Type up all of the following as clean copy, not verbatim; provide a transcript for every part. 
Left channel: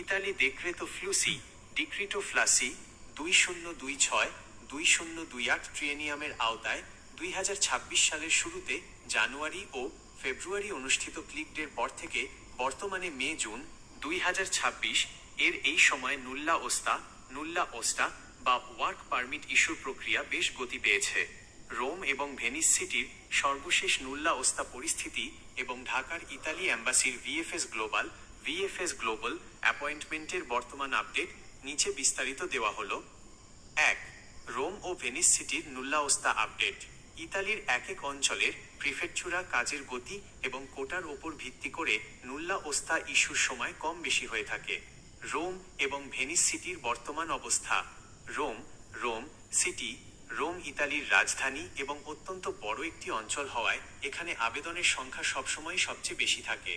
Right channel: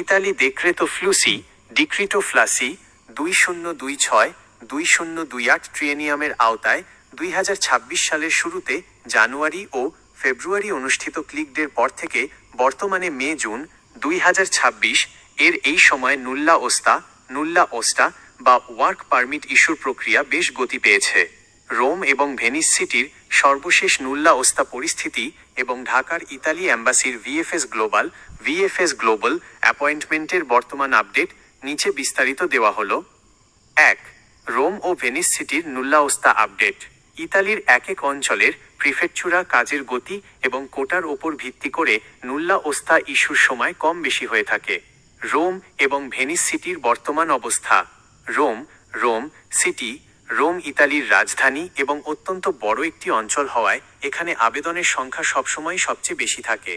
Italy দেখরেতো ফ্লুসি ডিক্রিটো ফ্লাসি 2026-2028 ট্রিয়েনিয়ামের আওতায় 2026 সালের শুরুতে জানুয়ারি ও ফেব্রুয়ারি অনুষ্ঠিত ক্লিক-ডের পর থেকে বর্তমানে মে জুন 2026 এর এই সময় নুল্লা ওস্টা বা ওয়ার্ক পারমিট ইস্যুর প্রক্রিয়া বেশ গতি পেয়েছে। রোম এবং ভেনিস সিটির সর্বশেষ নুল্লা ওস্তা পরিস্থিতি এবং ঢাকার ইতালি অ্যাম্বাসির ভিএফএস গ্লোবাল অ্যাপয়েন্টমেন্টের বর্তমান আপডেট নিচে বিস্তারিত দেওয়া হলো। 1. রোম ও ভেনিস সিটির নুল্লা ওস্তা আপডেট। ইতালির এক অঞ্চলের প্রিফেকচুরা কাজের গতি এবং কোটার ওপর ভিত্তি করে নুল্লা ওস্তা ইস্যুর সময় কম বেশি হয়ে থাকে। রোম এবং ভেনিস সিটির বর্তমান অবস্থা। রোম ইতালির রাজধানী এবং অত্যন্ত বড় একটি অঞ্চল হওয়ায় এখানে আবেদনের সংখ্যা সবসময় সবচেয়ে বেশি থাকে।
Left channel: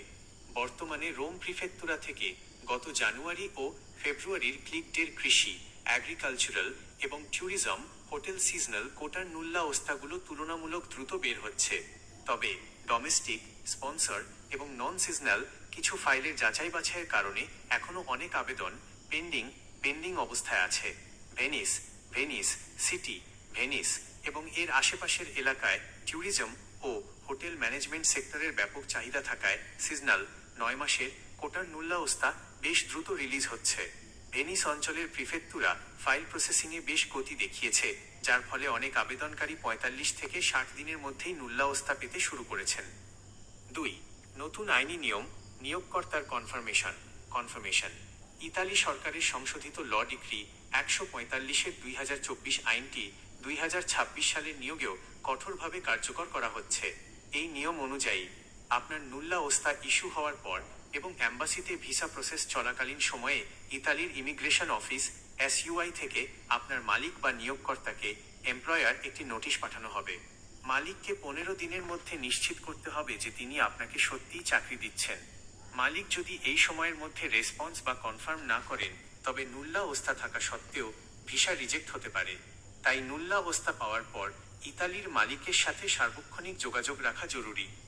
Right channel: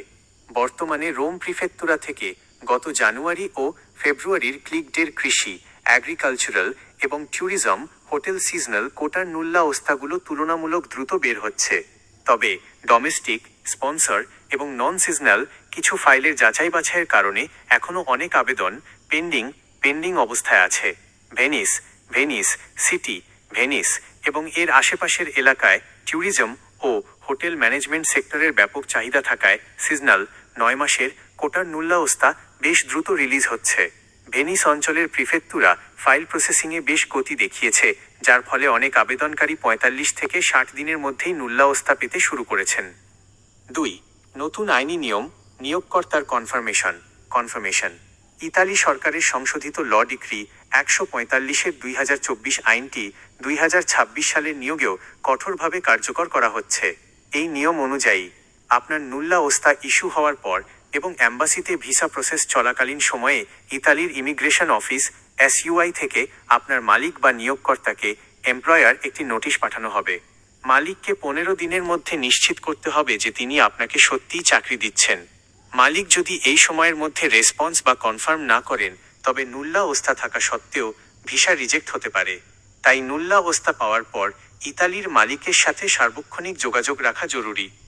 বর্তমানে রোম প্রিফেকচুরা থেকে গত জানুয়ারি ও ফেব্রুয়ারির ক্লিক-ডের কৃষি, অ্যাগ্রিকালচারাল এবং ট্যুরিজম, হোটেল সিজনাল কোটার নুল্লা ওস্তাগুলো তুলনামূলক দ্রুত বের হচ্ছে। তবে ডোমেস্টিক, স্পন্সর এবং নন সিজনাল কিছু ফাইলের যাচাই বাছাইয়ের কারণে এখনও অনেক আবেদন পেন্ডিং অবস্থায় আছে। ভেনিস এবং এর আশেপাশের এলাকায় ট্যুরিজম ও হোটেল ম্যানেজমেন্ট সেক্টরের ব্যাপক চাহিদা থাকায় সিজনাল 9 মাসের কোটার নুল্লা ওস্তা বেশ দ্রুত রিলিজ হচ্ছে। ভেনিস অঞ্চলের প্রিফেকচুরা ফাইল প্রসেসিংয়ে বেশ গতি দেখিয়েছে, যার ফলে অনেক আবেদনকারী 45 থেকে 60 দিনের মধ্যেই নুল্লা ওস্তা পেতে শুরু করেছেন। 2. নতুন আইনি নিয়ম, নিয়োগকর্তার কনফার্মেশন। ইতালি সরকারের সংশোধিত ল ডিক্রি 145/2024 আইনটি 2026 সালের নিয়োগেও কঠোরভাবে কার্যকর করা হচ্ছে। এই নিয়ম অনুযায়ী আপনার নুল্লা ওস্তা ইস্যু হওয়ার পর এবং অ্যাম্বাসিতে ভিসা প্রসেস চলাকালীন সময়ে ইতালির ইমিগ্রেশন অফিস SUI থেকে আপনার মালিক বা নিয়োগকর্তাকে এমপ্লয়ার একটি নোটিশ পাঠানো হবে। মালিককে 15 দিনের মধ্যে নিশ্চিত করতে হবে যে তিনি আপনাকে সত্যিই চাকরি দিচ্ছেন। মালিক যদি এই সময়ের মধ্যে রেসপন্স বা কনফার্ম না করেন, তবে নুল্লা ওস্তা থাকা সত্ত্বেও ভিসা রিজেক্ট হতে পারে। তাই নুল্লা ওস্তা পাওয়ার পর ইতালির মালিকের সাথে সার্বক্ষণিক যোগাযোগ রাখা জরুরি।